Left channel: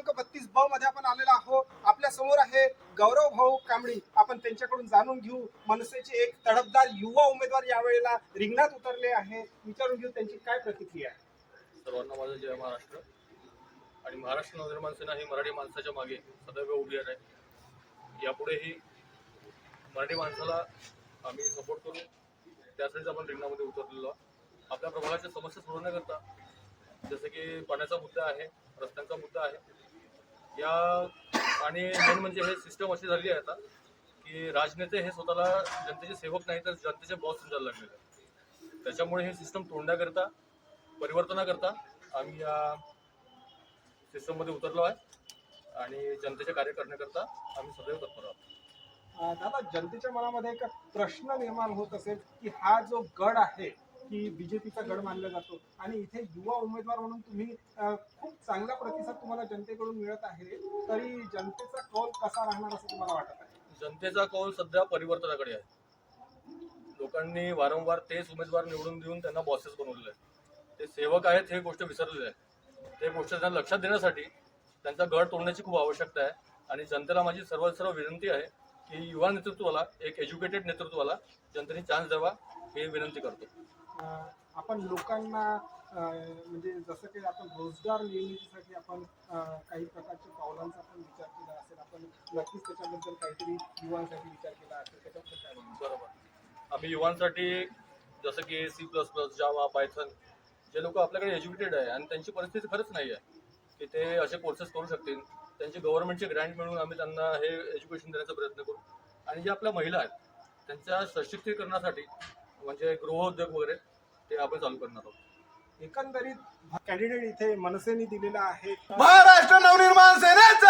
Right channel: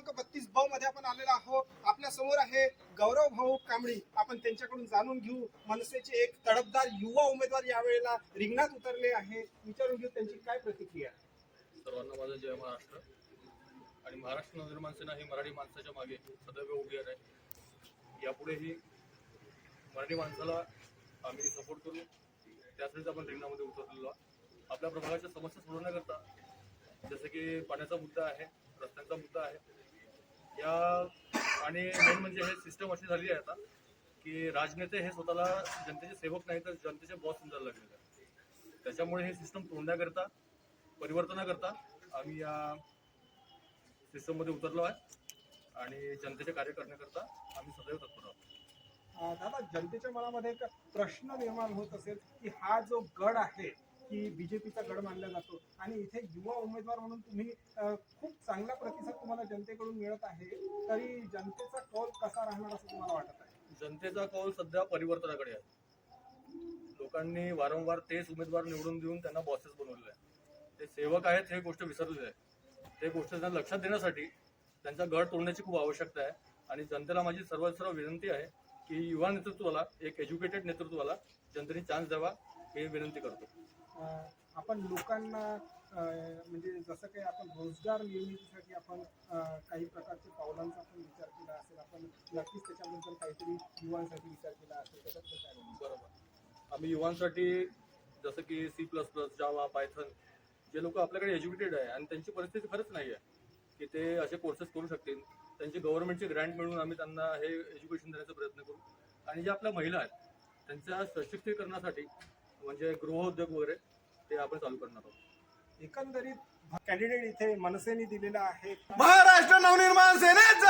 क्रमांक 32 ब मध्ये आपण आलेलो आहोत. आपल्या समोर आहे गौरव भाऊ कांबळी. आपण त्यांच्याकडून जाणून घेऊ मनसेचे एक तडफदार युवा उमेदवार यावेळेला रिंगणात उतरले आहे. विचारून घेऊ त्यांची काय प्रतिक्रिया आहे. सर्वांना माझं जय महाराष्ट्र. आणि महाराष्ट्र नवनिर्माण सेना ही मराठी माणसाच्या मागे सदैव उभी आहे. यापुढेही मराठी माणसाला आम्ही सपोर्ट करू, त्यासाठीच आपण रिंगणामध्ये उतरलेलो आहोत. आपल्या प्रभागाच्या समस्या सोडवण्याकरता जसे की पाण्याचा मुद्दा आहे, रस्त्यांचा मुद्दा आहे या, आणि मेन म्हणजे हे सिस्टम अशी झाली आहे आता की राजनेते हे स्वतःला जनतेचे सेवक नाही तर जनतेचे बॉस समजायला लागलेले आहेत. त्याच्यामुळे हे सिस्टम तोडण्याकरता, परिवर्तनाकरता आम्ही या सिस्टममध्ये उतरलो आहे आणि जनतेचे कार्य करण्याकरता आम्ही सदैव तत्पर आहोत. दादा, जनतेच्या मनामध्ये एक प्रश्न निर्माण होत असेल की हा जो गड आहे की बीजेपीचा गड मानला जातो आणि इथे युवा उमेदवार म्हणून तुम्ही खूप चांगला प्रतिसाद तुम्हाला जनतेकडून मिळत आहे, तरी जनतेचा कौल कसा राहणार असं तुम्हाला वाटत आहे? जनतेचा कौल सध्या परिवर्तनाकडे आहे. लोकांनी वारंवार तेच उमेदवार निवडून देऊन त्यांना बॉसेस बनवलेले आहे. ते सेवक आहेत हे गोष्ट विसरलेली आहे. ते गोष्ट त्यांना लक्षात देण्यासाठी त्यांचा गड तोडण्याची खूप आवश्यकता आहे. आणि जनतेला माझी सर्व विनंती आहे की युवा नेतृत्वाला, एक एज्युकेटेड नेतृत्वाला जनतेने चान्स द्यावा ही विनंती करतो. आपण लोकांना म्हणजे जसं काही आपण रोजगार निर्मितीसाठी आपण काही प्रकारच्या पावलांचा पण विचार केला असेल, आपण नक्कीच त्याच्याबद्दल काहीतरी युवांसाठी विचार केला असेल, त्याच्याबद्दल काय म्हणतो? बरोबर. आम्ही युवांसाठी जसं की C++, जावा, पायथन, जे लोक आपल्याकडे एज्युकेटेड आहे आणि त्यांची परिस्थिती खरंच नाही आहे की ते असे कोर्सेस करू शकतील, त्यांची गव्हर्नमेंटची ग्रँट मिळून आम्ही त्यांना हे एज्युकेशन देण्याचा प्रयत्न करू. आणि ज्या आपल्या महिला आहेत त्यांच्या सशक्तीकरणासाठी म्हणजे गृहोद्योग वगैरे ते आपण चालू करणार आहोत. एकंदरीत कॅन्डिडेट इथे मनसेने दिलेला आहे. महाराष्ट्र नवनिर्माण सेनेचा